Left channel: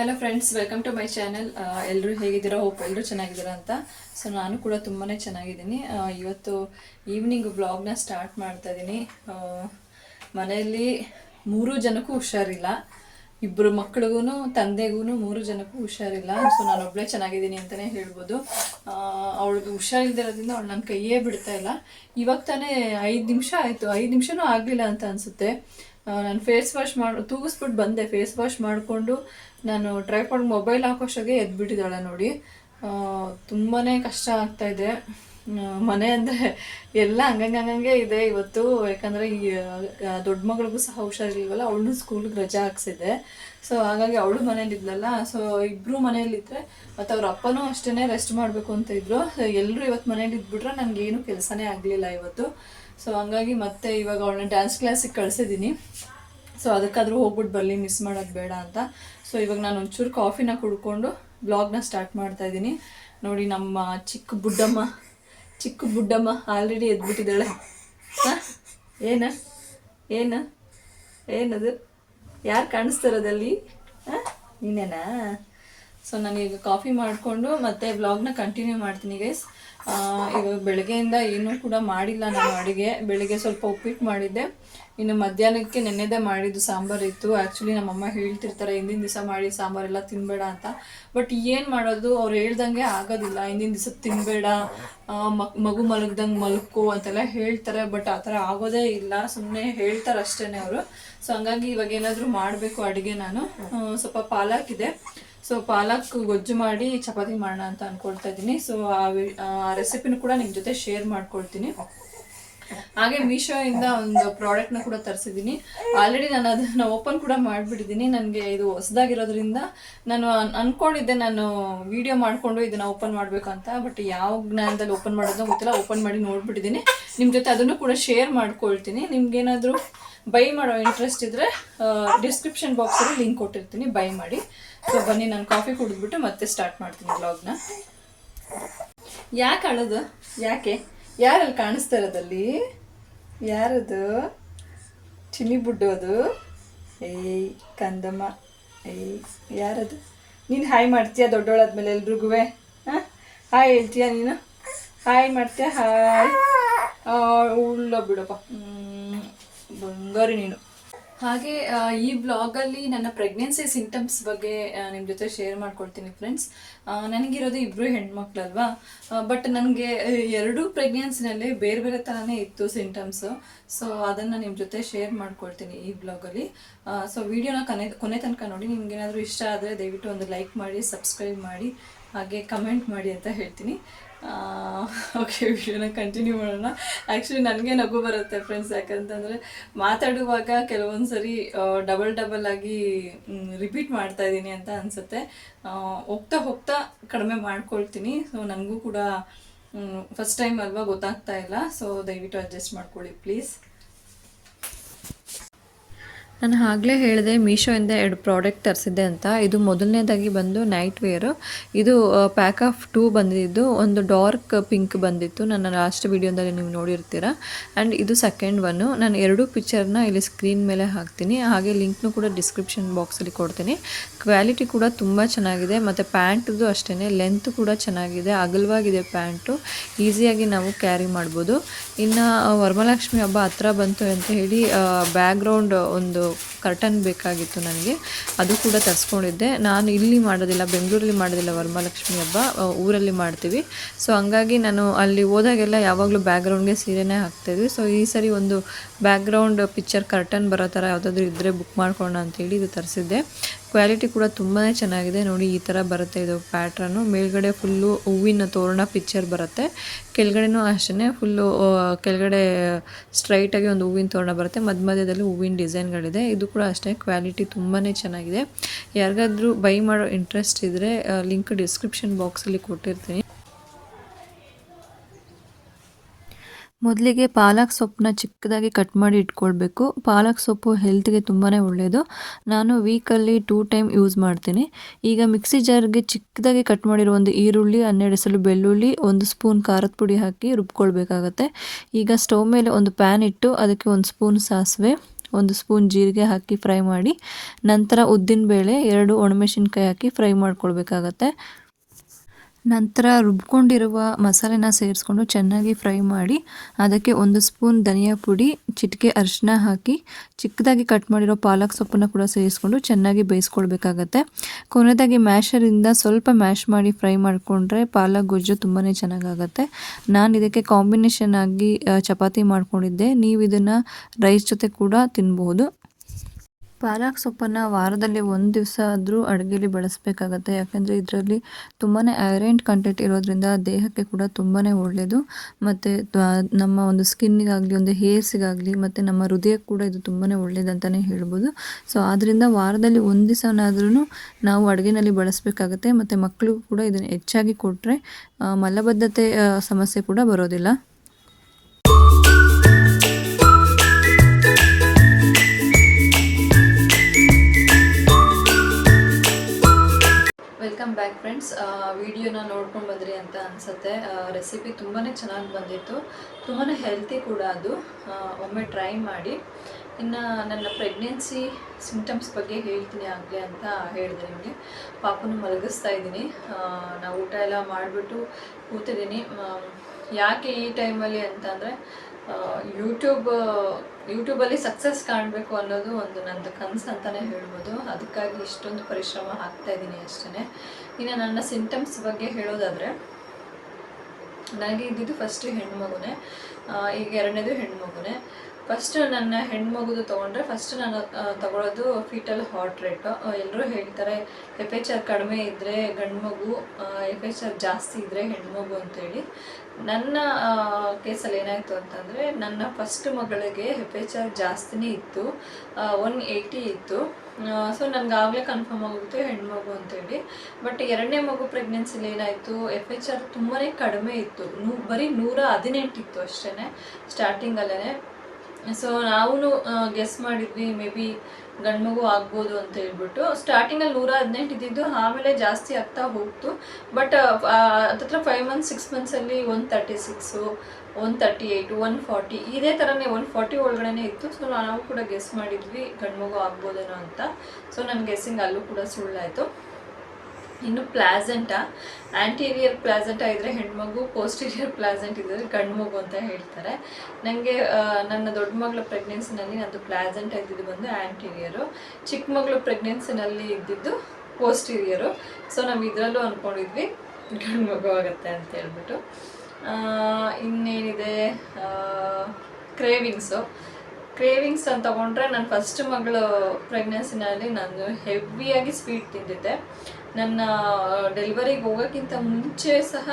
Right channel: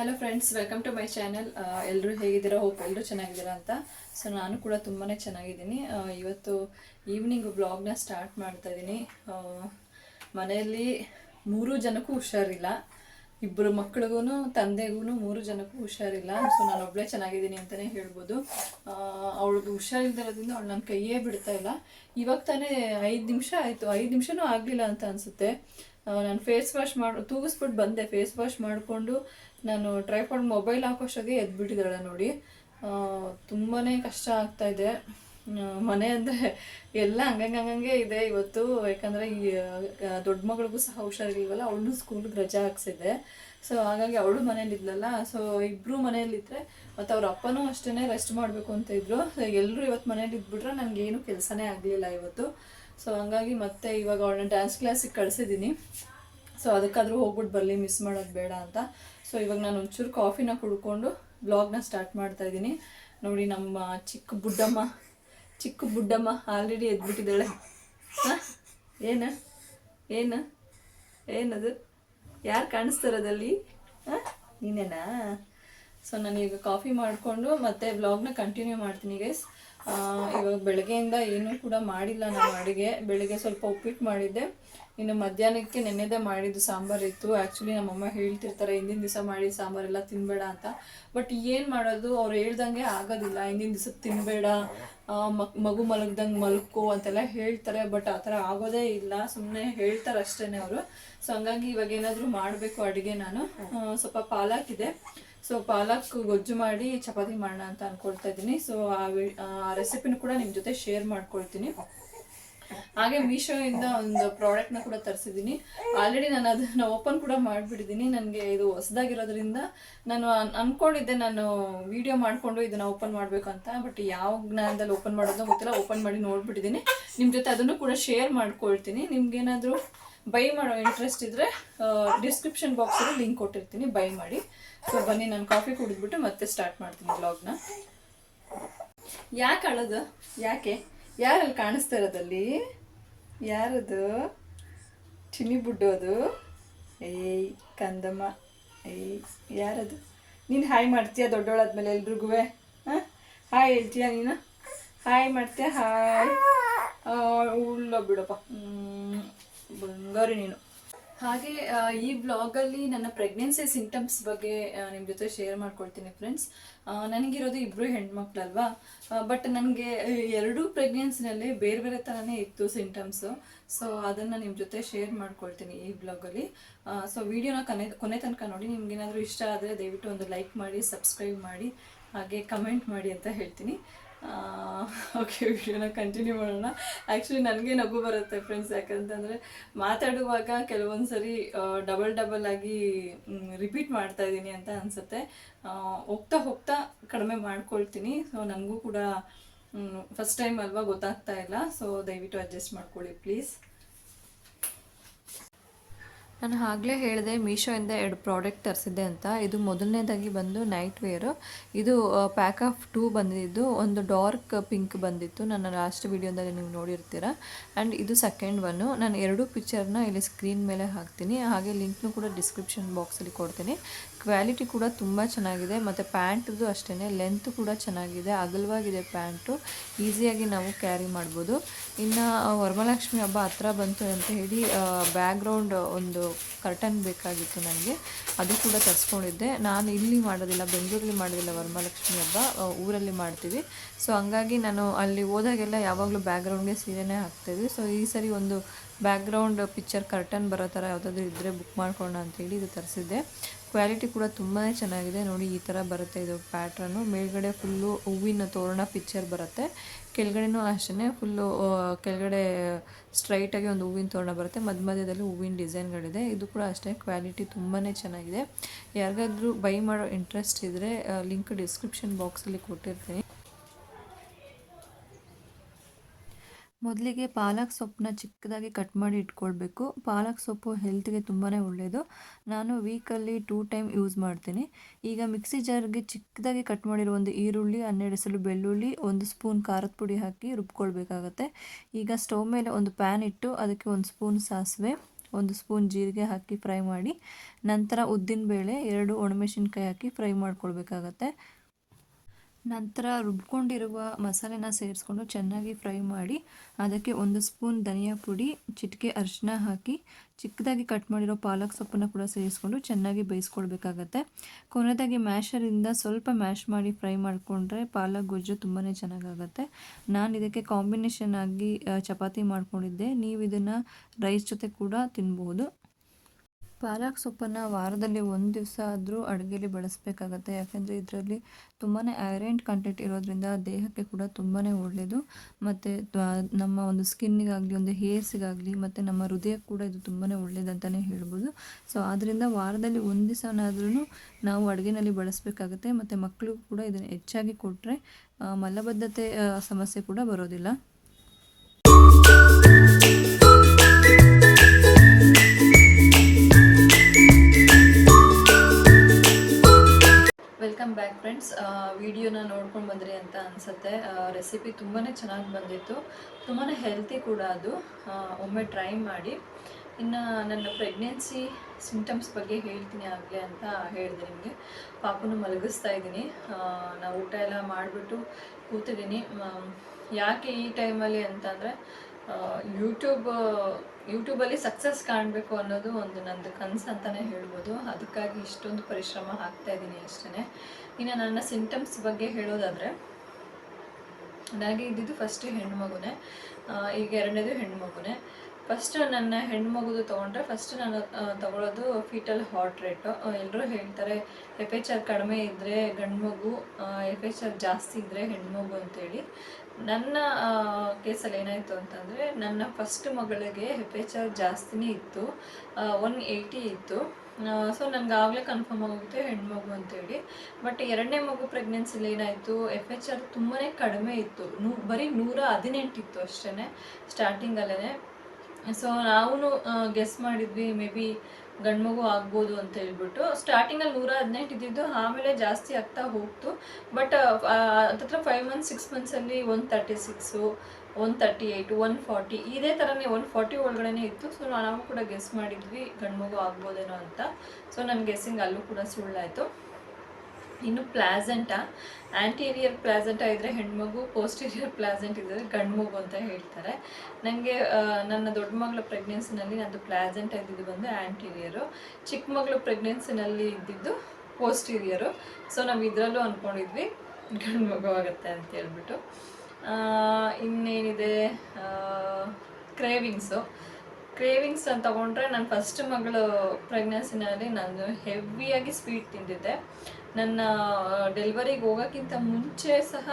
Hello friends, welcome to my channel. ಎಲ್ಲರೂ ಹೇಗಿದ್ದೀರಾ? Hope ಎಲ್ಲರೂ ಚೆನ್ನಾಗಿದ್ದೀರಾ ಅಂತ. ಸೊ ನಾನು ಕೂಡ ತುಂಬಾ ಚೆನ್ನಾಗಿದ್ದೀನಿ. ಇವತ್ತು ಈವ್ನಿಂಗ್ ಬ್ಲಾಗ್ನ ಸ್ಟಾರ್ಟ್ ಮಾಡ್ತಾ ಇದ್ದೀನಿ. ಮನೆಯಲ್ಲಿ 3 ಜನಕ್ಕೂ ಹುಷಾರಿಲ್ಲ. 2 ಮಕ್ಳಿಗೂ ತಂದೆಗೂ 3 ಜನಕ್ಕೂ ಹುಷಾರಿಲ್ಲ. ಸೊ ನಾನೊಬ್ಬಳೇ ಚೆನ್ನಾಗಿದ್ದೀನಿ ಅಂತಲೇ ಹೇಳ್ಬೋದು. ಅವಳಿಗೆ ಹುಷಾರಿಲ್ದಿರೋದ್ರಿಂದ ಅವಳು ನನ್ನ ಕೈಯೇ ಬಿಡ್ತಾ ಇಲ್ಲ. ಇವಾಗ ತಾನೇ 5 ನಿಮಿಷ ಆಯಿತು, 5 ನಿಮಿಷನೂ ಆಗಲಿಲ್ಲ ಅಂತ ಅನಿಸುತ್ತೆ. ನಾನು ಫೇಸ್ ವಾಶ್ ತೂಗಿಸ್ಬಿಟ್ಟು ಬಂದೆ. ಫೇಸ್ ವಾಶ್ ಮಾಡಿಕೊಂಡು ನಾನು ಟ್ರೈಪಾಡ್ ಮೊಬೈಲ್ ಹಾಕೋಷ್ಟಾಗೆ ಎದ್ಬಿಟ್ಟಿದ್ದಾಳೆ ನೋಡಿ. ತುಂಬಾ ಕಷ್ಟ ಆಗ್ತಾಯಿದೆ. ಮನೆ ಅಂದರೆ ಎಲ್ಲ ಹಂಗಂಗೆ ಇದೆ ಇವತ್ತು. ಯಾಕಂದರೆ ಈ ದೊಡ್ಡ ಮಗಳಿಗೂ ಸಹ ಹುಷಾರಿಲ್ವಲ್ಲ, ಅವಳನ್ನೂ ಸ್ಕೂಲ್ಗೆ ರಜಾ ಹಾಕ್ಸಿದ್ದೆ. ಸೊ ಹಾಗಾಗಿ ಅವಳು ಮನೇಲಿದ್ಲಲ್ಲ. ಸೊ ಇಬ್ಬರು ಮನೇಲಿದ್ದರೆ ಮತ್ತು ಅವ್ರ ಅಪ್ಪನೂ ಅಷ್ಟೇ ರೆಸ್ಟ್ ಮಾಡಬೇಕು ಅಂತ ಇದ್ದರು. ಎಲ್ಲರೂ ಇವತ್ತು ಮನೇಲಿ ಇದ್ಬಿಟ್ರೆ ನನಗೇನು ಕೆಲಸನೇ ಆಗಲಿಲ್ಲ ಇವತ್ತು. ಸೊ ಹಂಗಾಗಿ ಮತ್ತೆ ಇವಾಗ ಅವಳನ್ನ ಡ್ಯಾನ್ಸ್ ಕ್ಲಾಸಿಗೆ ಕಳಿಸಿದ್ದೀನಿ. ಸೊ ಅದಕ್ಕಾದರೂ ಹೋಗ್ಬಿಟ್ಟು ಬರಲಿ, ಮಿಸ್ ಮಾಡೋದು ಬೇಡ ಅಂತ. ಸೊ ಇವಾಗ ನಾನು ಒಂಚೂರು ಕಾಫಿನ ಕುಡ್ಕೊಂಡು ಬ್ಲಾಗ್ನ ಸ್ಟಾರ್ಟ್ ಮಾಡ್ತಾಯಿದ್ದೀನಿ. ನೋಡಿ, ನಮ್ಮ ಚಿಕ್ಕ ಬುಡ್ಡಮ್ಮ ಆಲ್ರೆಡಿ ಎದ್ಬಿಟ್ಟಿದ್ದಾಳೆ. ಏನದು ಯಾರು ಕಾಣಿಸ್ತಾರದಲ್ಲಿ? ನೀನೇನಾ? ಸೊ ನಾನೀಗ ಕಾಫಿ ಮಾಡಿಕೊಂಡು ಮತ್ತೆ ಬ್ಲಾಗ್ನ ಕಂಟಿನ್ಯೂ ಮಾಡ್ತೀನಿ ಗೈಸ್. ಇವಾಗ ಬೆಳಗ್ಗೆಯಿಂದ ಏನೂ ಕೂಡ ಮಾಡಿಲ್ಲ ನಾನು ಅಡುಗೆ. ಬೆಳಗ್ಗೆ ಸ್ವಲ್ಪ ಉಪ್ಪಿಟ್ಟು ಮಾಡಿದ್ದೆ. ಇನ್ನು ಮಧ್ಯಾಹ್ನಕ್ಕೆ ನೆನ್ನೆದೇ ಮಾಡಿದ್ದು ಸಾಂಬಾರು ಇತ್ತು. ಆ್ಯಕ್ಚುಲಿ ನಮ್ಮಮ್ಮ ಹೇಳ್ತಿರ್ತಾರೆ ಹಿಂದಿನ ದಿವಸ ಮಾಡಿ ಸಾಂಬಾರೆಲ್ಲ ತಿನ್ನಬೇಡ ಅಂತ. ಬಟ್ ಏನು ಮಾಡೋದು, ಅವ್ರು ಹೇಳ್ದಂಗೆ ಆಗೋದಿಲ್ಲ. ಹಿಂದಿನ ದಿವಸ ತಿನ್ನಬೇಡ, ಮಗು ಮಲಗ್ದಂಗೆ ಮಲ್ಕು ಅಂತೆಲ್ಲ ಹೇಳ್ತಾರೆ. ಬಟ್ ಆ ಥರ ಆಗೋದೇ ಇಲ್ಲ, ಸುಮ್ಮನೆ ಹೇಳ್ತಾರೆ ಅಷ್ಟೇ ಅವರು. ಸೊ ಹಂಗಾಗಿ ಇವಾಗ ಏನಾದರೂ ಮಾಡಬೇಕು ಅಡುಗೆ. ನಾನು ಸ್ವಲ್ಪ ಪಾಲಕ್ ಇದೆ, ಸೊ ಪಾಲಕ್ ಗೊಜ್ಜು ಮಾಡಿ ಚಪಾತಿ ಮಾಡೋಣ ಅಂತ ಅಂದ್ಕೊಳ್ತಾ ಇದ್ದೀನಿ. ಸೊ ಆ ರೆಸಿಪಿನೂ ಕೂಡ ನಿಮ್ಮ ಜೊತೆ ಶೇರ್ ಮಾಡ್ಕೊಳ್ತೀನಿ. ಹಾಗೆ ಮೀಶೋಯಿಂದ ಒಂದು ಪ್ರಾಡಕ್ಟ್ನ ಕೂಡ ತರಿಸಿದ್ದೀನಿ. ಆಲ್ರೆಡಿ ನಾನು ಅದನ್ನು ಓಪನ್ ಕೂಡ ಮಾಡಿಬಿಟ್ಟಿದ್ದೀನಿ. ನನಗೆ ಇದು ಹೊಸದಾಗಿರೋದ್ರಿಂದ ನಾನು ಅಂದ್ಕೊಂಡಿದ್ದೆ ನಾನು ವಿಡಿಯೋ ಮಾಡಿಕೊಂಡು ಇದನ್ನು ಓಪನ್ ಮಾಡಬೇಕು ಅಂತ. ಬಟ್ ಯಾವ ಜ್ಞಾನದಲ್ಲಿ ಓಪನ್ ಮಾಡೋದು ಗೊತ್ತಿಲ್ಲ. ಓಪನ್ ಮಾಡಿ ನೋಡಿಬಿಟ್ಟಿದ್ದೀನಿ. ನಿಮ್ಮ ಜೊತೆ ಅದನ್ನು ಕೂಡ ಶೇರ್ ಮಾಡ್ಕೊಳ್ತೀನಿ. ನಿಮ್ಗೇನಾದರೂ ಬೈ ಮಾಡೋ ಇಂಟ್ರೆಸ್ಟ್ ಇದ್ದರೆ ಡಿಸ್ಕ್ರಿಪ್ಷನ್ ಬಾಕ್ಸಲ್ಲಿ ಲಿಂಕ್ ಕೊಟ್ಟಿರ್ತೀನಿ, ಬೈ ಮಾಡಿ. ಸೊ ಬನ್ನಿ, ನಾನು ಕಾಫಿ ಕುಡಿದ್ಬಿಟ್ಟು ಮತ್ತೆ ಸ್ಟಾರ್ಟ್ ಮಾಡ್ತೀನಿ ಬ್ಲಾಗ್ನ. ಯಾಕೆ ಅಳೋದು? ಯಾಕೆ? ಯಾರಲ್ಲಿ ಕಾಣಿಸ್ತಾ ಇರೋದಲ್ಲಿ? ಯಾರದು? ಚಿನ್ನಿ ಬುಡ್ಡೋದು? ಏಯ್ ಕಂದಮ್ಮ, ಏಯ್ ಯಾರದು? ನೀನು ಹಾಯ್ ಮಾಡ್ತೀಯಾ ದೊಡ್ಡೋಳಾದ್ಮೇಲೆ ಎಲ್ರಿಗೂ? ಹಾಯ್ ಹೇಳ್ತೀಯಾ ನೀನು? ಹಾಯ್ ಮಾಡ್ತೀಯಾ? ಹಾಯ್. ಉಳ್ಳೋ ಬಿಡಪ್ಪ, ಬಂಗಾರಿ ನೀನು. ಹಾಗೆ ಈ ಬ್ಲಾಗಲ್ಲಿ ನನ್ನ ಪ್ರೆಗ್ನೆನ್ಸಿ ಸಿಂಟಮ್ಸ್ ಬಗ್ಗೆ ನಿಮ್ಮ ಜೊತೆ ಶೇರ್ ಮಾಡ್ಕೊಳ್ತೀನಿ ಫ್ರೆಂಡ್ಸ್. ನನಗಿರೋದು 2 ಹೆಣ್ಮಕ್ಳಲ್ವಾ. ಬಟ್ ನನಗೆ 2 ಪ್ರೆಗ್ನೆನ್ಸಿನಲ್ಲಿ ಬೇರೆ ಬೇರೆ ಥರನೇ ಇತ್ತು ಸಿಂಟಮ್ಸು. ಸೊ ಅದನ್ನು ನಿಮ್ಮ ಜೊತೆ ಶೇರ್ ಮಾಡ್ಕೊಳ್ತೀನಿ ಈ ಬ್ಲಾಗಲ್ಲಿ. ಸೊ ವಿಡಿಯೋನ ಕೊನೆ ತನಕ ನೋಡಿ. ನಿಮ್ಗೇನಾದರೂ ಇಷ್ಟ ಆದರೆ ದಯವಿಟ್ಟು ಒಂದು ಲೈಕ್ ಮಾಡಿ, ಸಬ್ಸ್ಕ್ರೈಬ್ ಮಾಡಿ, ಹಾಗೆ ಕಮೆಂಟ್ ಮಾಡಿ ಅಂತ ಹೇಳ್ತೀನಿ. ಓಕೆ, ವಿಡಿಯೋನ ಕಂಟಿನ್ಯೂ ಮಾಡೋಣ. ಆ್ಯಕ್ಚುಲಿ ನನಗೆ ನಗು ಬರುತ್ತೆ ಫ್ರೆಂಡ್ಸ್. ಯಾಕಂತಂದರೆ ಮಾತಾಡುವಾಗ ಕೆಲವೊಂದು ಸರಿ ಡಬಲ್ ಆಗಿ ರಿಪೀಟ್ ಮಾಡ್ತಾ ಇದ್ದೀನಿ ಅಂತ ಅನಿಸುತ್ತೆ. ಹೋಗ್ತಾ ಕಡಿಮೆ ಮಾಡ್ಕೊಳ್ತೀನಿ. ಸೊ ನನಗೂ ಕೂಡ ಫಸ್ಟ್ ಟೈಮ್ ಅಲ್ವಾ, ಗೊತ್ತಾಗ್ತಾ ಇಲ್ಲ. ಸೊ ದಯವಿಟ್ಟು ಅಡ್ಜಸ್ಟ್ ಮಾಡ್ಕೊಳ್ಳಿ ಪ್ಲೀಸ್. ನಾನು ಆಗಲೇ ಹೇಳಿದೆ ಮೀಶೋಯಿಂದ 2 ಪ್ರಾಡಕ್ಟ್ ತರಿಸಿದ್ದೆ ಅಂತ. ಇದು ಮೊದಲನೇದಾಗಿ ಬಂದು ನೈಟ್ ವೇರು. ಇದು ಪ್ಯಾಕ್ ಆಫ್ 2 ಬಂದಿದ್ದು. ಒಂದು ಡಾರ್ಕ್ ಪಿಂಕ್ ಬಂದಿತ್ತು, ನನ್ನ ಲಾಸ್ಟ್ ವಿಡಿಯೋದಲ್ಲಿ ನೀವು ನೋಡಿರ್ತೀರ. ಆ್ಯಂಡ್ ಇದು ಸೆಕೆಂಡ್ ಒನ್ನು. ನಾನು 2 ಪಿಕ್ಚರ್ನ ಇಲ್ಲಿ ಸ್ಕ್ರೀನ್ ಮೇಲೆ ಹಾಕ್ತೀನಿ. ಹಾಗೆ ಲಿಂಕ್ನು ಕೂಡ ಡಿಸ್ಕ್ರಿಪ್ಷನ್ ಬಾಕ್ಸಲ್ಲಿ ಕೊಡ್ತೀನಿ. ಕ್ವಾಲಿಟಿ ಕೂಡ ತುಂಬ ಚೆನ್ನಾಗಿದೆ. ಮತ್ತು ಪ್ಯಾಂಟ್ದು ಅಷ್ಟೇ, ಲೆಂತ್ ಕೂಡ ಚೆನ್ನಾಗಿದೆ, ಅಗಲವಾಗಿದೆ ಪ್ಯಾಂಟು. ಈಸಿಯಾಗಿ ನಾವು ಕ್ಯಾರಿ ಮಾಡ್ಬೋದು. ಇನ್ನು ವರಮಹಾಲಕ್ಷ್ಮಿ ಹಬ್ಬ ಹತ್ರ ಬಂತು ಅಂತ ಹೇಳಿ ಬ್ಯಾಕ್ಗ್ರೌಂಡ್ ಒಂದು ಕರ್ಟನ್ ಬೇಕಾಗಿತ್ತು ನನಗೆ. ಅದು ಕೂಡ ತರಿಸ್ಕೊಂಡಿದ್ದೆ. ನಾನು ಇಲ್ಲಿ ಮಾಡೋದಿಲ್ಲ, ಬೆಂಗಳೂರಲ್ಲಿ ಮಾಡೋದಿಲ್ಲ ವರಮಹಾಲಕ್ಷ್ಮಿ ಹಬ್ಬ, ಊರಲ್ಲಿ ಮಾಡ್ತೀವಿ. ಸೊ ಹಂಗಾಗಿ ನಾನು ಅಲ್ಲಿ ಹೋದಾಗೆಲ್ಲ ಯಾವಾಗಲೂ ಬ್ಯಾಕ್ಗ್ರೌಂಡ್ಗೆ ಸೀರೆನೇ ಹಾಕ್ತಾಯಿದ್ವಿ. ಸೊ ಈ ಸರಿ ಒಂದು ಬ್ಯಾಕ್ಗ್ರೌಂಡ್ ಪಿಕ್ಚರ್ ಕರ್ಟನ್ ಬರೋ ಥರ ಯಾವುದಾದ್ರೂ ಇದ್ದರೆ ಬುಕ್ ಮಾಡ್ಕೊಳ್ಳೋಣ ಅಂತೇಳಿ ಇದು ತರಿಸಿದ್ದೆ. ಕ್ವಾಲಿಟಿ ಕೂಡ ತುಂಬಾ ಚೆನ್ನಾಗಿದೆ. ನೋಡಿ, ಈ ಥರ ಬರುತ್ತೆ ಇದು ಪ್ಯಾಟ್ರನ್ನು. ಮೇಲ್ಗಡೆ ಫುಲ್ಲು ಹೂವಿನ ತೋರಣ ಪಿಕ್ಚರ್ ಬರುತ್ತೆ, ಕೆಳಗಡೆನೂ ಅಷ್ಟೇ ಫುಲ್ಲು ಕೆಳಗಡೆ ಸ್ಟ್ರೈಟಾಗಿ ಒಂದು ಹೂವಿನ ತೋರಣ ಬರುತ್ತೆ, ಮಧ್ಯದಲ್ಲಿ ಹೂವಿನ ಡಿಸೈನ್ಗಳಿದೆ. ಇದು ಕೂಡ ಅಷ್ಟೇ, ಕ್ವಾಲಿಟಿ ತುಂಬಾ ಚೆನ್ನಾಗಿದೆ. ಯಾರಿಗಾದ್ರೂ ಬೈ ಮಾಡೋ ಇಂಟ್ರೆಸ್ಟ್ ಇದ್ದರೆ ಲಿಂಕ್ ಡಿಸ್ಕ್ರಿಪ್ಷನ್ ಬಾಕ್ಸಲ್ಲಿ ಕೊಟ್ಟಿರ್ತೀನಿ. ಮೊದಲಿಗೆ ಪಾಲಕ್ ಸೊಪ್ಪನ್ನ ಚಿಕ್ಕದಾಗಿ ಕಟ್ ಮಾಡಿ ಇಟ್ಕೊಳ್ಬೇಕು. ಪಾಲಕ್ ಸೊಪ್ಪು ಹೆಲ್ತ್ಗೆ ತುಂಬಾ ಒಳ್ಳೆಯದು. ನಾನು ವೀಕಲ್ಲಿ 2 ಟೈಮ್ ಯೂಸ್ ಮಾಡ್ತೀನಿ. ಈಗ ಮಿಕ್ಸಿ ಜಾರ್ಗೆ ಚಿಕ್ಕದಾಗಿ ಕಟ್ ಮಾಡಿರೋ ಒಂದು ಈರುಳ್ಳಿ, 12 ಎಸಳು ಬೆಳ್ಳುಳ್ಳಿ, 1 ಸ್ಪೂನ್ ಖಾರದ ಪುಡಿ ಹಾಕಿ ರುಬ್ಕೊಳ್ಬೇಕಾಗತ್ತೆ. ಈಗ ಸ್ಟವ್ ಮೇಲೆ ಒಂದು ಪ್ಯಾನ್ ಇಟ್ಟು ಅದಕ್ಕೆ 1 ಸ್ಪೂನ್ ಸಾಸಿವೆ, ಒಂದು ಸ್ಪೂನ್ ಜೀರಿಗೆ ಹಾಕಿ ಫ್ರೈ ಮಾಡಿ, ನಂತರ ಉದ್ದಿನಬೇಳೆ 2 ಒಣಮೆಣಸಿನ್ಕಾಯಿ ಹಾಕಿ ಫ್ರೈ ಮಾಡ್ಕೊಳ್ಬೇಕಾಗತ್ತೆ. ನಂತರ ರುಬ್ಕೊಂಡಿರುವ ಮಸಾಲೆನ ಸೇರಿಸ್ಕೊಂಡು ಚೆನ್ನಾಗಿ ಫ್ರೈ ಮಾಡಿ, ಅದಕ್ಕೆ 1 ಸ್ಪೂನ್ ಧನಿಯಾ ಪುಡಿ, ಚಿಟಿಕೆ ಅರಿಶಿನ ಹಾಕಿ ಚಿಕ್ಕದಾಗಿ ಕಟ್ ಮಾಡಿರೋ ಪಾಲಕ್ ಸೊಪ್ಪನ್ನು ಕೂಡ ಸೇರಿಸ್ಕೊಂಡು ಚೆನ್ನಾಗಿ ಬೇಯಿಸ್ಕೊಳ್ಬೇಕಾಗತ್ತೆ. ಕೊನೆಯದಾಗಿ ಮ್ಯಾಶರಿಂದ ಸ್ವಲ್ಪ ಮ್ಯಾಶ್ ಮಾಡಿ ಫ್ರೈ ಮಾಡಿಕೊಂಡ್ರೆ ಪಾಲಕ್ ಗೊಜ್ಜು ತುಂಬಾ ಚೆನ್ನಾಗಾಗತ್ತೆ. ನಾನು ಇದಕ್ಕೆ ಕಾಂಬಿನೇಷನ್ ಆಗಿ ಚಪಾತಿ ಮಾಡ್ಕೊಂಡಿದ್ದೆ. ನೀವು ಇದನ್ನು ರೈಸ್ ಜೊತೆ ಕೂಡ ತಿನ್ಬೋದು. ಪಾಲಕ್ ಸೊಪ್ಪನ್ನು ವಾರದಲ್ಲಿ 1 ದಿವಸ ಆದರೂ ಅಡುಗೆಯಲ್ಲಿ ಬಳಸಬೇಕಾಗತ್ತೆ. ಯಾಕೆಂದರೆ ಇದರಲ್ಲಿ ತುಂಬಾ ಐರನ್ ಕಂಟೆಂಟ್ ಇರೋದ್ರಿಂದ ದೇಹಕ್ಕೆ ಕೂಡ ತುಂಬಾ ಒಳ್ಳೆಯದು. ಮತ್ತು ನಮ್ಮ ಒಂದು ಸ್ಕಿನ್ನಿಗಾಗಲಿ, ಒಂದು ಹೇರ್ಸಿಗಾಗಲಿ ಮತ್ತು ನಮ್ಮ ಹೃದಯಕ್ಕೆ ಕೂಡ ಇದು ತುಂಬಾ ಒಳ್ಳೆಯದಂತಲೇ ಹೇಳ್ಬೋದು. ಸೊ ಆದ್ದರಿಂದ ವಾರದಲ್ಲಿ 1 ದಿವಸನಾದ್ರೂ ನಾವು ಅಡುಗೆಯಲ್ಲಿ ಬಳಸಬೇಕಾಗತ್ತೆ. ಮತ್ತು ಮಕ್ಕಳಿಗೂ ಕೂಡ ಇದನ್ನು ಹೆಚ್ಚಾಗಿ ಕೊಟ್ಟರೆ ಮಲಬದ್ಧತೆ ಸಮಸ್ಯೆ ಕೂಡ ಬರೋದಿಲ್ಲ. Welcome back friends. ವಿಡಿಯೋನ ನೋಡ್ಕೊಂಡು ಬಂದ್ರಿ ಅಂತ ಅನಿಸುತ್ತೆ. ರೆಸಿಪಿ ತುಂಬಾ ಚೆನ್ನಾಗಿ ಬಂದಿತ್ತು, ತುಂಬಾ ಹೆಲ್ತಿ ಕೂಡ ಅದು. ಒಮ್ಮೆ ಟ್ರೈ ಮಾಡಿ. ಇನ್ನು ನನ್ನ ಪ್ರೆಗ್ನೆನ್ಸಿ ಸಿಂಟಮ್ಸ್ ಬಗ್ಗೆ ಹೇಳ್ತೀನಿ ಆಗಲೇ ಅಂತ ಹೇಳಿದೆ ನಿಮಗೆ. ಪಾಪನು ಮಲಗಿಸ್ತಾ ಇದ್ದೀನಿ. ನಾವು ಊಟ ಎಲ್ಲ ಮಾಡಿಬಿಟ್ಟು ಕೂತಿದ್ದೀನಿ. ಯಾಕೆ ಈ ಟೈಮಲ್ಲಿ ಅಂತಂದರೆ ಯೂಟ್ಯೂಬಲ್ಲಿ ಸಕ್ಸಸ್ ಕಾಣಬೇಕು ಅನ್ನೋದು ಒಂದು ನನ್ನದು ಕನಸು ಅಂತಲೇ ಹೇಳ್ಬೋದು. ಅದಕ್ಕಾಗಿ ಇಷ್ಟೊಂದು ಪರಿಶ್ರಮ ಹಾಕ್ತಾಯಿದ್ದೀನಿ ಅಷ್ಟೇ. ಇನ್ನು ನನ್ನ ಸಿಂಟಮ್ಸ್ ಬಗ್ಗೆ ಹೇಳೋದಾದರೆ, ನನಗೆ ಇದ್ದಿದ್ದು ಫಸ್ಟು ಹೆಣ್ಮಗುನೇ, ಈಗ 2ನೇದು ಹೆಣ್ಮಗುನೇ. ಫಸ್ಟು ನನ್ನ ಹೆಣ್ಮಗುದು ತೊಗೊಂಡ್ರೆ ಫಸ್ಟ್ ನಾನು ತಗೊಳ್ಳೋದು ಫೀಟಲ್ ಹಾರ್ಟ್ ರೇಟು. ಎಲ್ಲರೂ ಹೇಳ್ತಾರೆ FHR ಕಡಿಮೆ ಇದ್ದರೆ ಗಂಡು ಮಗು, FHR ಜಾಸ್ತಿ ಇದ್ದರೆ ಹೆಣ್ಮಗು ಅಂತೇಳಿ. ನನ್ನ ಕೇಸಲ್ಲಿ ಏನಾಯಿತು ಅಂತಂದರೆ, ನನ್ನ ಫಸ್ಟ್ ಮಗಳಿಗೆ FHR ಜಾಸ್ತಿನೇ ಇತ್ತು, 180 ಇತ್ತು. ಸೊ ನನಗಾಗಲೇ ಕನ್ಫರ್ಮ್ ಆಗುತ್ತೆ ಹೆಣ್ಮಗು ಅಂತೇಳಿ. ಬಟ್ 2ನೇ ಮಗು ಪ್ರೆಗ್ನೆನ್ಸಿಲಿ ಏನಾಯಿತು, FHR ತುಂಬಾ ಕಡಿಮೆ ಇತ್ತು, ಬರೀ 118 ಇತ್ತು ಅಷ್ಟೇ ಸ್ಟಾರ್ಟಿಂಗಲ್ಲೇ. ಸೊ ನಾವು ಗೆಸ್ ಮಾಡಿದ್ವಿ ಮೇ ಬಿ ಗಂಡು ಮಗು ಆಗ್ಬೋದು ಅಂತ ಹೇಳ್ಬಿಟ್ಟು. ಸ್ಟಾರ್ಟಿಂಗಲ್ಲಿ 118 ಇದ್ದಿದ್ದು, ಆಮೇಲೆ ಜಾಸ್ತಿ ಆಗ್ತಾ ಹೋಗ್ತು. ಬಟ್ ಹತ್ತಿರ 5 ಮಂತ್ಸ್ 6 ಮಂತ್ಸಲ್ಲಿ 136, 138, 140 ಇದೇ ಥರನೇ 140 ಒಳಗಡೆ ಇತ್ತು. ಸೊ ನಾವು ಕೂಡ ಗೆಸ್ ಮಾಡಿದ್ವಿ ಗಂಡು ಮಗು ಆಗ್ಬೋದೇನೋ ಅಂತ. ಸೊ ನನ್ನ ಗೆಸ್ಸಿಂಗ್ ಅಲ್ಲೂ ಕೂಡ ಸುಳ್ಳಾಯಿತು. ಇನ್ನು ಪ್ಲಾಸೆಂಟಾ, ಆ್ಯಂಟೀರಿಯರ್ ಪ್ಲಾಸೆಂಟಾ ಇದ್ದರೆ ಹೆಣ್ಮಗು, ಪೋಸ್ಟೀರಿಯರ್ ಪ್ಲಾಸೆಂಟ್ ಇದ್ದರೆ ಗಂಡು ಮಗು ಅಂತ ಹೇಳ್ತಾರೆ. ನನಗೆ ನನ್ನ ದೊಡ್ಡ ಮಗಳ ಪ್ರೆಗ್ನೆನ್ಸಿನಲ್ಲಿ ನಂದು ಪ್ಲಾಸೆಂಟಾ ಇದ್ದಿದ್ದು ಬಂದು ಆ್ಯಂಟೀರಿಯರು, ಚಿಕ್ಕ ಮಗಳು ಪ್ರೆಗ್ನೆನ್ಸಿನಲ್ಲಿ ಇದ್ದಿದ್ದು ಪೋಸ್ಟೀರಿಯರು. ಸೊ ನಾವು ಇದರಲ್ಲೂ ಅಂದ್ಕೊಂಡಿದ್ವಿ ಗಂಡು ಮಗು ಆಗುತ್ತೆ ಅಂತ ಹೇಳ್ಬಿಟ್ಟು. ಇನ್ನೇನಿದೆ, ಕ್ರೇವಿಂಗ್ಸ್ ಅಂತ ತಗೊಂಡ್ರೆ, ನನ್ನ ಫಸ್ಟ್ ಮಗಳು ಪ್ರೆಗ್ನೆನ್ಸಿನಲ್ಲಿ ನಾನು ಹೆವಿಯಾಗಿ ಸ್ವೀಟ್ ತಿಂದಿದ್ದೆ. ನನ್ನ ಡೆಲಿವರಿಗೆ ಹೋಗೋಕ್ಕಿಂತ ಮುಂಚೆ ಸಹ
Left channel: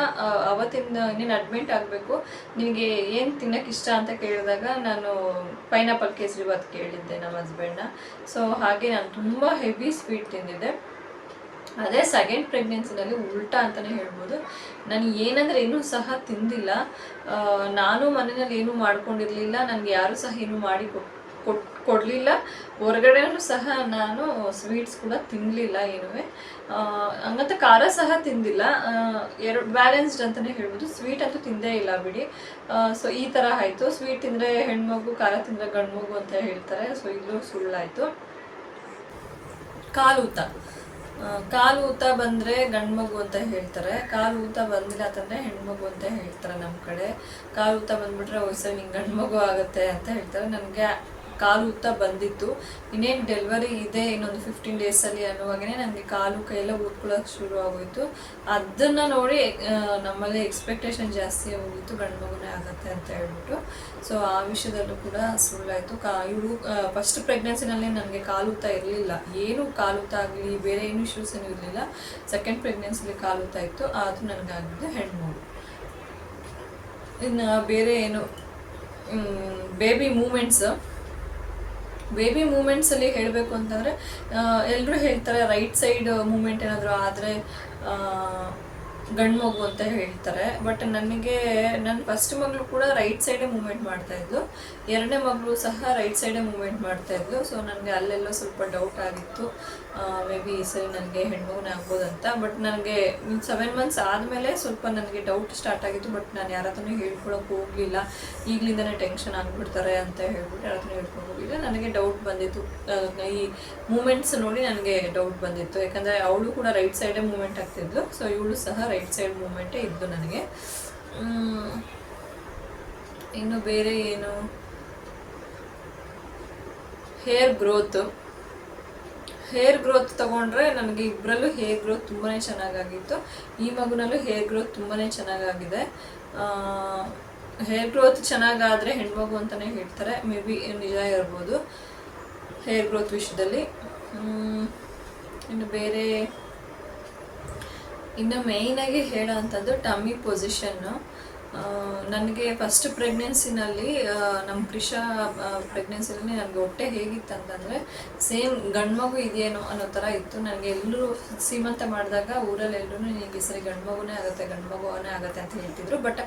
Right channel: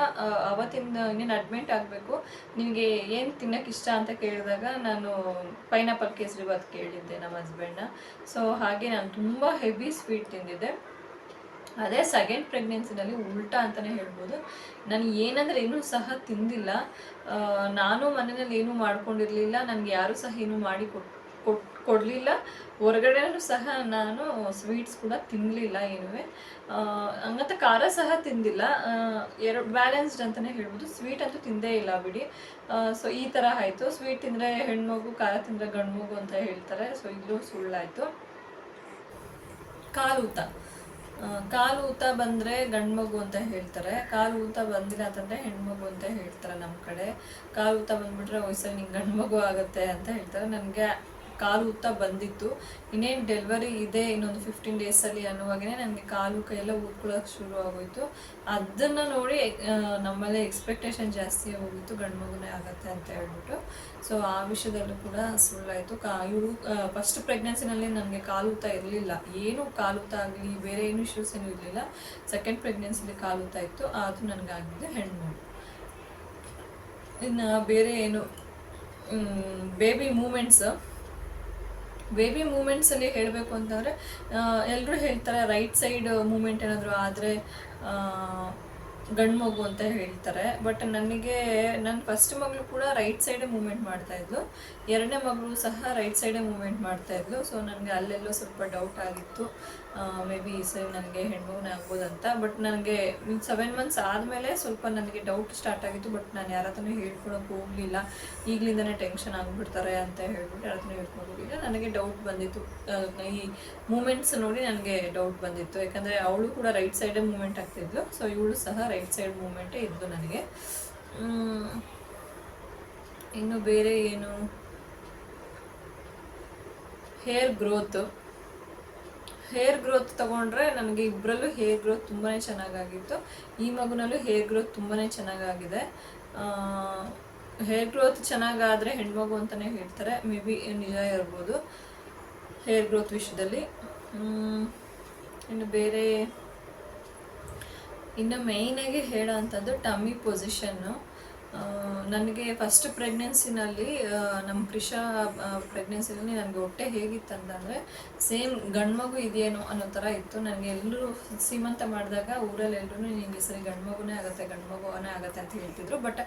ಅವತ್ತಿಂದ ಇನ್ನೇನು ಅಡ್ಮಿಟ್ ಆಗಬೇಕು, ನಿಮಗೆ ಏನು ತಿನ್ನೋಕ್ಕೆ ಇಷ್ಟ ಅಂತ ಕೇಳಿದಾಗ ನಾನು ಪೈನಾಪಲ್ ಕೇಸರಿಬಾತ್ ಕೇಳಿದ್ದೆ ನಮ್ಮ ಹಸ್ಬೆಂಡ್ನ. ಸೊ ಹಾಗೆ ನಾನು ತುಂಬ ಹೆವಿ ಸ್ವೀಟ್ ತಿಂದಿದ್ದೆ. ಅದೇ ಸೆಕೆಂಡ್ ಪ್ರೆಗ್ನೆನ್ಸಿನಲ್ಲಿ ಉಲ್ಟಾ ಅಂತಲೇ ಹೇಳ್ಬೋದು. ನಾನು ಏನಂದರೆ ಏನೂ ಸಹ ತಿಂದಿಲ್ಲ. ನಾನು ಮನೆಯಲ್ಲಿ ಏನೂ ಮಾಡ್ಕೊಂಡಿರಲಿಲ್ಲ, ನನಗೆ ಯಾರೂ ಸಹ ಏನೂ ಮಾಡಿ ಕೊಡಲಿಲ್ಲ. ಹೊರಗಡೆನೂ ಸಹ ನಾನು ಸ್ವೀಟ್ಸ್ ಕೂಡ ತಿನ್ನಲಿಲ್ಲ ಏನೂ. ಹಂಗಂತ ಖಾರ ಸಹ ತಿಂದಿಲ್ಲ. ಎರಡು ಬ್ಯಾಲೆನ್ಸ್ಡ್ ಅಂತಲೇ ಹೇಳ್ಬೋದು. ಸ್ವೀಟ್ ಅಂತೂ ತಿಂದೇ ಇಲ್ಲ ಬಿಡಿ. ಸೊ ಈ ಥರ ಆಯಿತು. ಸ್ವೀಟ್ ತಿಂದರೆ ಹೆಣ್ಮಗು, ಖಾರ ತಿಂದರೆ ಗಂಡು ಮಗು ಅಂತ ಹೇಳ್ತಾರೆ. ಸೊ ಇದು ಸುಳ್ಳಾಯಿತು. ಕಾಲು ಊತ ಬಂದರೆ ಗಂಡು ಮಗು ಅಂತ ಹೇಳ್ತಾರೆ, ಕಾಲು ಊತ ಬಂದಿಲ್ಲ ಅಂತಂದರೆ ಹೆಣ್ಮಗು ಅಂತ ಹೇಳ್ತಾರೆ ನಮ್ಮ ಕಡೆ. ಕಾಲು ಊತ ಬಂದುಬಿಟ್ರೆ ಸರಿ ನಿಂಗೆ ಗಂಡು ಮಗು ಆಗುತ್ತೆ ಅಂತ ಹೇಳ್ತಾರೆ. ನನಗೆ ಕಾಲು ಊತ ಬಂದಿತ್ತು. ಇನ್ನೇನು ಡೆಲಿವರಿ ಇದೆ ಇನ್ನೊಂದು 15 ಡೇಸಲ್ಲಿ ಅನ್ನುವಾಗೇ ನನಗೆ ಕಾಲು ಕೈಯೆಲ್ಲ ಊದ್ಕೊಳ್ಳೋಕೆ ಶುರು ಆಗೋಯಿತು. ಅದನ್ನು ನೋಡಿ ನಮ್ಮಲ್ಲಿ ಎಕ್ಸ್ಪೆಕ್ಟೇಷನ್ ಜಾಸ್ತಿ ಹೋಗಿತ್ತು, ಗಂಡು ಮಗುನೇ ಆಗುತ್ತೆ ಅಂತ ಹೇಳ್ಬಿಟ್ಟು. ಸೊ ಆ ವಿಷಯದಲ್ಲೂ ಕೂಡ ಸುಳ್ಳಾಯಿತು. ಇವಳು ಫಸ್ಟ್ ಪ್ರೆಗ್ನೆನ್ಸಿನಲ್ಲಿ ನನಗೆ ಕಾಲು ಊತ ಇರಲಿಲ್ಲ, ಏನು ಕಾಲು ಊತ ಆಗಲಿ ಬೇರೆ ಏನು ಇಶ್ಯೂಸ್ ಏನೂ ಇರಲಿಲ್ಲ. ಸೆಕೆಂಡ್ ಪ್ರೆಗ್ನೆನ್ಸಿಲಿ ಕಾಲು ಊತ ಇತ್ತು, ಅದು ನನಗಾಗಿದೆ ಹೆಣ್ಮಗು. ಇನ್ನು ಬೇರೆ ಏನು ಬೇಬಿ ಮೂಮೆಂಟ್ಸಲ್ಲಿ ಹೇಳಬೇಕು ಅಂತಂದರೆ, ಎಲ್ಲರೂ ಹೇಳ್ತಾರೆ ರೈಟ್ ಸೈಡ್ ಮೂಮೆಂಟ್ ಏನಾದರೂ ಆದರೆ ಗಂಡು ಮಗು ಅಂತ ಹೇಳ್ತಾರೆ. ಬಟ್ ನನಗೆ ನನ್ನ ಫಸ್ಟ್ ಮಗಳು ಕೂಡ ರೈಟ್ ಸೈಡೇ ಮೂಮೆಂಟ್ ಮಾಡ್ತಾಯಿದ್ಲು, 2ನೇ ಮಗಳು ಸಹ ರೈಟ್ ಸೈಡೇ ಮೂಮೆಂಟ್ ಮಾಡ್ತಾಯಿದ್ಲು. ಸೊ ನನಗೆ ಅಲ್ಲೆಲ್ಲೋ ಸ್ವಲ್ಪ ಡೌಟ್ ಆಗಿತ್ತು. ಮೇ ಬಿ ಈ ಸರಿ ನನಗೆ ಹೆಣ್ಮಗುನೇ ಆಗ್ಬೋದಂತ. ಬಟ್ ನನಗೆ 7 ಮಂತ್ಸ್ ಆದಮೇಲೆ ಸ್ವಲ್ಪ ನನಗೆ ಡೌಟ್ ಸ್ಟಾರ್ಟ್ ಆಗಿತ್ತು. ಬಟ್ ನಾನು ಯಾರ ಹತ್ರನೂ ಹೇಳ್ಕೊಳಕ್ಕೆ ಹೋಗಲಿಲ್ಲ. ಈಗಲಿಂದನೇ ಟೆನ್ಷನ್ ಆಗಿಬಿಡ್ತಾರೆ ಅಂತ ಹೇಳ್ಬಿಟ್ಟು ಯಾರ ಹತ್ರನೂ ಹೇಳ್ಕೊಂಡು ಹೋಗಲಿಲ್ಲ. ನನಗೆ ಡೌಟ್ ಬಂದಿತ್ತು, ಈ ಮೂಮೆಂಟ್ಸ್ ನೋಡಿ ನನಗೆ ಡೌಟ್ ಬಂದಿತ್ತು. ಯಾಕಂದರೆ ಅವಳು ಕೂಡ ರೈಟ್ ಸೈಡೇ ಮೂಮೆಂಟ್ ಆಗ್ತಿದ್ಲು. ಸೊ ಇವಳು ಸಹ ರೈಟ್ ಸೈಡ್ ಮೂಮೆಂಟೇ ಇದ್ದು ನನಗೆ. ಇನ್ನು ಬೇರೆ ಏನು, ಹೇರ್ ಗ್ರೋತ್ ತೊಗೊಂಡ್ರೆ ನನಗೆ ಇಬ್ಬರಲ್ಲೂ ಹೇರ್ ಗ್ರೋತ್ ತುಂಬಾ ಚೆನ್ನಾಗಾಗಿತ್ತು. ಈ ಮಗುನಲ್ಲೂ ಹೇರ್ ಗ್ರೋತ್ ತುಂಬಾ ಚೆನ್ನಾಗಾಗಿದೆ. ಹೇರ್ ಗ್ರೋತ್ ಚೆನ್ನಾಗಾದರೆ ಹೆಣ್ಮಗು ಅಂತಲೇ ಹೇಳ್ತಾರೆ. ಮೇ ಬಿ ನಿಜ ಇರ್ಬೋದು ಹೇರ್ ಗ್ರೋತ್ ವಿಷಯದಲ್ಲಿ. ಇನ್ನು ಮೇಯ್ನಾಗಿ ಹೇಳೋ ಅಂಥದ್ದು ಟಮ್ಮಿ ಪೊಸಿಷನ್ನು. ನನಗೆ ಫಸ್ಟ್ ಪ್ರೆಗ್ನೆನ್ಸಿನಲ್ಲಿ ನಮ್ಮ ಕ್ರಿಶಾ ಪ್ರೆಗ್ನೆನ್ಸಿನಲ್ಲಿ ನನಗೆ ಹೊಟ್ಟೆ ಹೇಗಿತ್ತು ಅಂತಂದರೆ ಸೇಮ್ ಗಂಡ್ಮಗು ಇದೆಯೇನೋ ಅನ್ನೋ ಥರ ಇತ್ತು. ನನಗೆ ಎಲ್ಲರೂ ಸೀಮಂತ ಮಾಡಿದಾಗ ಊರಲ್ಲಿ ಎಲ್ಲರೂ ನಿನಗೆ ಸರಿ ಗಂಡ್ಮಗುನೇ ಆಗುತ್ತೆ ಅಂತ ಹೇಳ್ತಿದ್ರು. ಬಟ್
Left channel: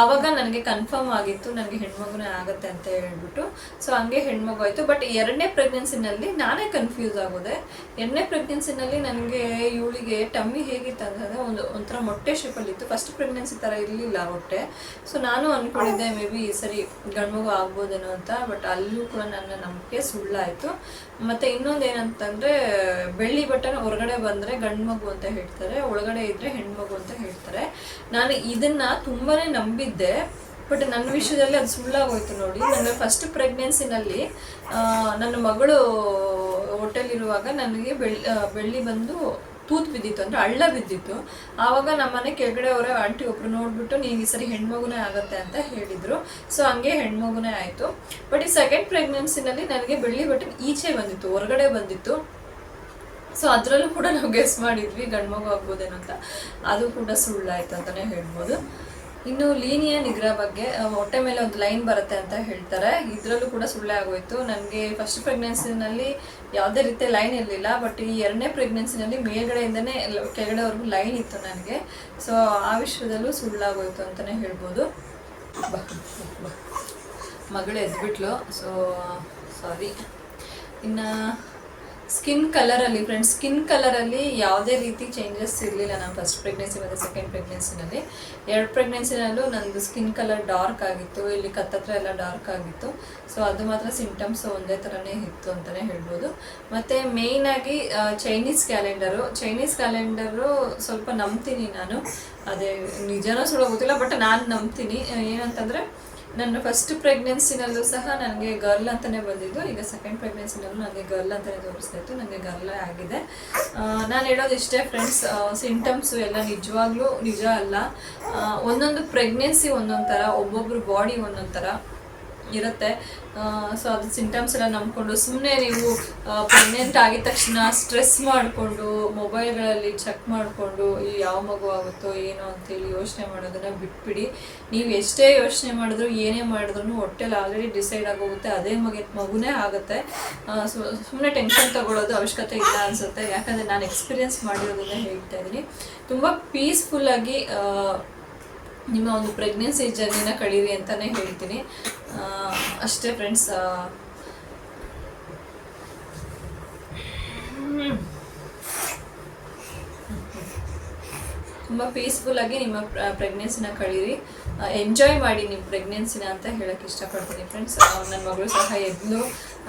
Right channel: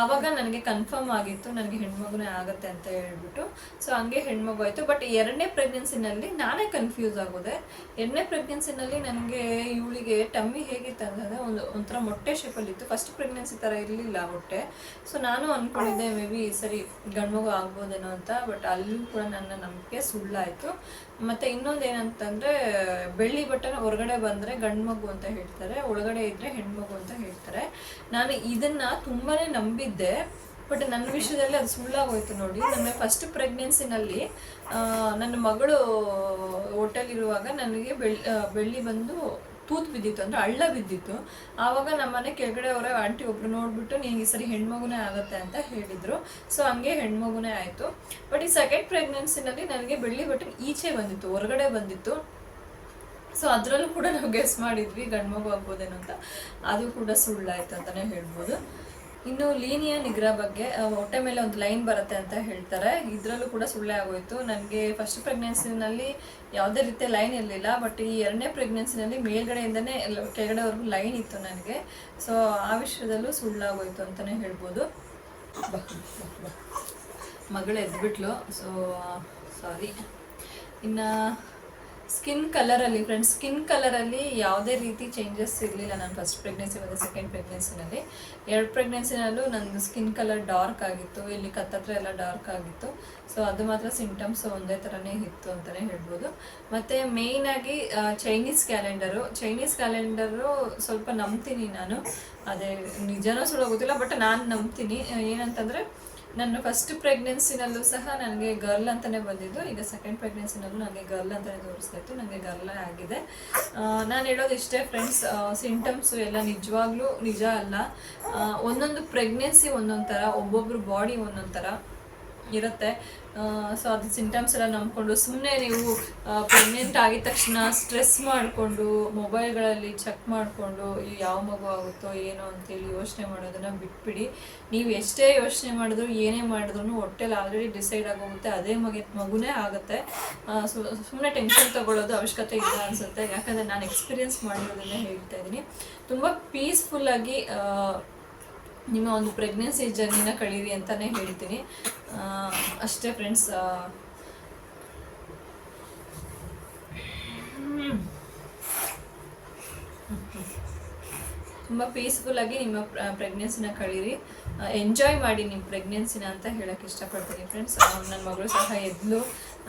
ಆವಾಗ ನನಗೆ ಕನ್ಫರ್ಮ್ ಆಗಿತ್ತು ನನಗೆ ಹೆಣ್ಮಗುನೇ ಆಗುತ್ತೆ ಅಂತ ಹೇಳ್ಬಿಟ್ಟು. ಸೊ ಹಂಗೆ ಹೆಣ್ಮಗು ಆಯಿತು. ಬಟ್ 2ನೇ ಪ್ರೆಗ್ನೆನ್ಸಿನಲ್ಲಿ ನಾನೇ ಕನ್ಫ್ಯೂಸ್ ಆಗೋದೆ. 2ನೇ ಪ್ರೆಗ್ನೆನ್ಸಿನಲ್ಲಿ ನನಗೆ ಇವಳಿಗೆ ಟಮ್ಮಿ ಹೇಗಿತ್ತು ಅಂತಂದರೆ ಒಂಥರ ಮೊಟ್ಟೆ ಶೇಪಲ್ಲಿತ್ತು. ಫಸ್ಟ್ ಪ್ರೆಗ್ನೆನ್ಸಿ ಥರ ಇರಲಿಲ್ಲ ಹೊಟ್ಟೆ. ಸೊ ನಾನು ಅಂದ್ಕೊಂಡಿದ್ದೆ ಮೇ ಬಿ ಈ ಸರಿ ಗಂಡ್ಮಗು ಆಗ್ಬೋದೇನೋ ಅಂತ. ಬಟ್ ಅಲ್ಲೂ ಕೂಡ ನನ್ನ ನಂಬಿಕೆ ಸುಳ್ಳಾಯಿತು. ಮತ್ತು ಇನ್ನೊಂದು ಏನಂತಂದರೆ ಬೆಳ್ಳಿ ಬಟನ್ ಹೊರಗಡೆ ಬಂದರೆ ಗಂಡ್ಮಗು ಅಂತ ಹೇಳ್ತಾರೆ, ಒಳಗಡೆ ಇದ್ದರೆ ಹೆಣ್ಮಗು ಅಂತ ಹೇಳ್ತಾರೆ. ನಾನು ಇದನ್ನು ತುಂಬಾ ನಂಬಿದ್ದೆ. ಬಟ್ ನನ್ನ ವಿಷಯದಲ್ಲಿ ಅದು ಸುಳ್ಳಾಗೋಯ್ತು ನೋಡಿ. ನನ್ನ ಫಸ್ಟ್ ಪ್ರೆಗ್ನೆನ್ಸಿನಲ್ಲಿ ನನ್ನ ಮಗಳು ಹೊಟ್ಟೆಲಿರುವಾಗ ನನಗೆ ಬೆಳ್ಳಿ ಬಂದು ತೂತು ಬಿದ್ದಿತ್ತು, ಅಂದರೆ ಹಳ್ಳ ಬಿದ್ದಿತ್ತು. ಆವಾಗ ನಮ್ಮನೆ ಕೆಳಗಡೆ ಅವರೇ ಆಂಟಿ ಒಬ್ರು ನೋಡ್ಬಿಟ್ಟು ನೀನು ಈ ಸರಿ ಹೆಣ್ಮಗುನೇ ಆಗುತ್ತೆ ಅಂತ ಹೇಳಿದರು. ಸೊ ಹಂಗೆ ಹೆಣ್ಮಗುನೇ ಆಯಿತು. ಬಟ್ ಈ 2nd ಪ್ರೆಗ್ನೆನ್ಸಿನಲ್ಲಿ ನನಗೆ ಬೆಳ್ಳಿ ಬಟನ್ ಈಚೆ ಬಂದಿತ್ತು, ಹೊರಗಡೆ ಬಂದಿತ್ತು. ಸೊ ಅದರಲ್ಲೂ ಕೂಡ ನಾವು ಗೆಸ್ ಮಾಡಿದ್ವಿ ಗಂಡ್ಮಗು ಆಗ್ಬೋದೇನೋ ಅಂತ. ಅದು ಕೂಡ ಸುಳ್ಳಾಯ್ತು ಅಂತಲೇ ಹೇಳ್ಬೋದು. ಇನ್ನು ಲೀನಿಯ ನಿಗ್ರಹ ಬಗ್ಗೆ, ಹೊಟ್ಟೆ ಮೇಲೆ ಒಂದು ಲೈನ್ ಬರುತ್ತೆ ಅಂತ ಹೇಳ್ತಾರೆ. ಇದರಲ್ಲೂ ಕೂಡ ಸುಳ್ಳೇ ಆಗೋಯ್ತು. ನನಗೆ ಫಸ್ಟ್ ಪ್ರೆಗ್ನೆನ್ಸಿನಲ್ಲಿ ಯಾವುದೇ ರೀತಿಯ ಲೈನ್ ಇರಲಿಲ್ಲ. ಬಟ್ ಈ 2ನೇ ಪ್ರೆಗ್ನೆನ್ಸಿನಲ್ಲಿ ಮೇಲ್ಗಡೆಯಿಂದನೇ ಕೆಳಗಡೆವರೆಗೂ ಲೈನ್ ಇತ್ತು ನನಗೆ. ಸೊ ಆ ವಿಷಯದಲ್ಲೂ ಸುಳ್ಳಾಗೋಯ್ತು ಅಂತಲೇ ಹೇಳ್ಬೋದು. ಮಗಳು ಎದ್ಬಿಟ್ಲು, ಸೊ ಸಾರಿ. ಇನ್ನು ಸ್ಕಿನ್ ಕಲರಲ್ಲಿ ಫ್ರೆಂಡ್ಸ್, ಸ್ಕಿನ್ ಕಲರಲ್ಲಿ ಯಾವುದೇ ರೀತಿ ಚೇಂಜಸ್ ಇರಲಿಲ್ಲ ನಾನು ಫಸ್ಟ್ ಪ್ರೆಗ್ನೆನ್ಸಿ ಮತ್ತು 2nd ಪ್ರೆಗ್ನೆನ್ಸಿನಲ್ಲಿ. 2 ಪ್ರೆಗ್ನೆನ್ಸಿನಲ್ಲೂ ನನ್ನದು ಸ್ಕಿನ್ ಕಲರ್ ಡಾರ್ಕ್ ಆಗಿತ್ತು, ಇಲ್ಲಿ ಕತ್ತತ್ರ ಎಲ್ಲ ಡಾರ್ಕ್ ಆಗಿತ್ತು. ಸೊ ಅದು ಮಾತ್ರ ಸಿಂಟಮ್ಸ್ ಒಂದೇ ಥರನೇ ಇತ್ತು ಅಂತಲೇ ಹೇಳ್ಬೋದು. ಮತ್ತು ಮೇಯ್ನಾಗಿ ಚೈನೀಸ್ ಕ್ಯಾಲೆಂಡರು ಸ್ವಲ್ಪ ನಂಬ್ತೀನಿ ನಾನು. ಅದೇ ನಿಜನೋ ಸುಳ್ಳು ಗೊತ್ತಿಲ್ಲ, ಬಟ್ ನಾನು ನಂಬ್ತೀನಿ. ಏನಂತಂದರೆ ನನ್ನ ಫಸ್ಟ್ ಪ್ರೆಗ್ನೆನ್ಸಿನಲ್ಲೂ ಸಹ ನನಗೆ ಗರ್ಲ್ ಅಂತಲೇ ಬಂದಿದ್ದು. ಈಗ 2nd ಪ್ರೆಗ್ನೆನ್ಸಿನಲ್ಲೂ ನನಗೆ ಗರ್ಲ್ ಅಂತಲೇ ತೋರಿಸ್ತಾ ಇತ್ತು. ನನಗೆ ಗರ್ಲೇ ಆಗಿದೆ. ನಾನು ಹೇಳೋದು ಇಷ್ಟೇ ಫ್ರೆಂಡ್ಸ್, ಸಿಂಟಮ್ಸು ಎಲ್ಲ ನಿಜವಾಗ್ಲೂ ನಿಜ ಅಲ್ಲ. ಒಂದೊಂದು ಪ್ರೆಗ್ನೆನ್ಸಿ ಒಂದೊಂದು ಥರ, ಒಬ್ಬೊಬ್ರು ಬಾಡಿ ಒಂದೊಂದು ಥರ ಇರುತ್ತೆ. ಸೊ ಅದು ಸಿಂಟಮ್ಸ್ ಎಲ್ಲ ನಂಬ್ಕೊಂಡು ಸುಮ್ಮನೆ ನೀವು ಪ್ರೆಗ್ನೆಂಟ್ ಆಗಿದ ತಕ್ಷಣ ಸ್ಟ್ರೆಸ್ ಮಾಡಿಕೊಂಡು ಮೊಬೈಲ್ಗಳಲ್ಲಿ ಚೆಕ್ ಮಾಡಿಕೊಂಡು ಈ ಯಾವ ಮಗು ಆಗುತ್ತೋ ಏನೋ ಅಂತೇಳಿ ಯೋಚನೆ ಮಾಡೋದನ್ನು ಬಿಟ್ಬಿಡಿ. ನೀವು ಎಷ್ಟೇ ಯೋಚನೆ ಮಾಡಿದ್ರು ಏನೇ ಮಾಡಿದ್ರು ಹೊಟ್ಟೆಲಿ ಆಲ್ರೆಡಿ ಡಿಸೈಡ್ ಆಗೋಗುತ್ತೆ, ಅದೇ ಮಗುನೇ ಆಗುತ್ತೆ. ಸುಮ್ಮನೆ ಟೆನ್ಷನ್ ತೊಗೊಳ್ಳೋದು ಅವಶ್ಯಕತೆ ಇಲ್ಲ ಅನಿಸುತ್ತೆ. ಯಾಕಂದರೆ ನಾನು ಎಕ್ಸ್ಪೀರಿಯೆನ್ಸ್ ಮಾಡಿರೋದನ್ನೇ ಹೇಳ್ತಾ ಇದ್ದೀನಿ. ತುಂಬ ಪೀಸ್ಫುಲ್ಲಾಗಿ ನಿಮ್ಮ ಒಂದು ಪ್ರೆಗ್ನೆನ್ಸಿ ಜರ್ನಿನ ಕಳೀರಿ ಅಂತಲೇ ಹೇಳ್ತೀನಿ. ಅಷ್ಟೇ ಫ್ರೆಂಡ್ಸ್. ತುಂಬ ಪೀಸ್ಫುಲ್ಲಾಗಿ ನಿಮ್ಮ ಪ್ರೆಗ್ನೆನ್ಸಿನ ಕಳೀರಿ, ಎಂಜಾಯ್ ಮಾಡಿ ನಿಮ್ಮ ಪ್ರೆಗ್ನೆನ್ಸಿನ ಅಂತ ಹೇಳೋಕ್ಕೆ ಇಷ್ಟಪಡ್ತೀನಿ ಫ್ರೆಂಡ್ಸ್. ನನ್ನ ಮಗಳು ಸಹ ಎದ್ಲು,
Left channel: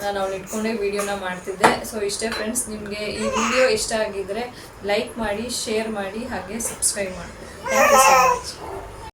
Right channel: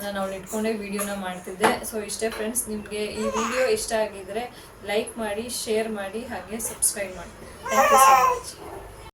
ನಾನು ಅವಳು ಇಟ್ಕೊಂಡೇ ವೀಡಿಯೋನ ಮಾಡ್ತಿದ್ದೆ. ಸೊ ಇಷ್ಟೇ ಫ್ರೆಂಡ್ಸ್. ನಿಮಗೆ ಈ ವಿಡಿಯೋ ಇಷ್ಟ ಆಗಿದ್ದರೆ ಲೈಕ್ ಮಾಡಿ, ಶೇರ್ ಮಾಡಿ, ಹಾಗೆ ಸಬ್ಸ್ಕ್ರೈಬ್ ಮಾಡಿ. Thank you so much.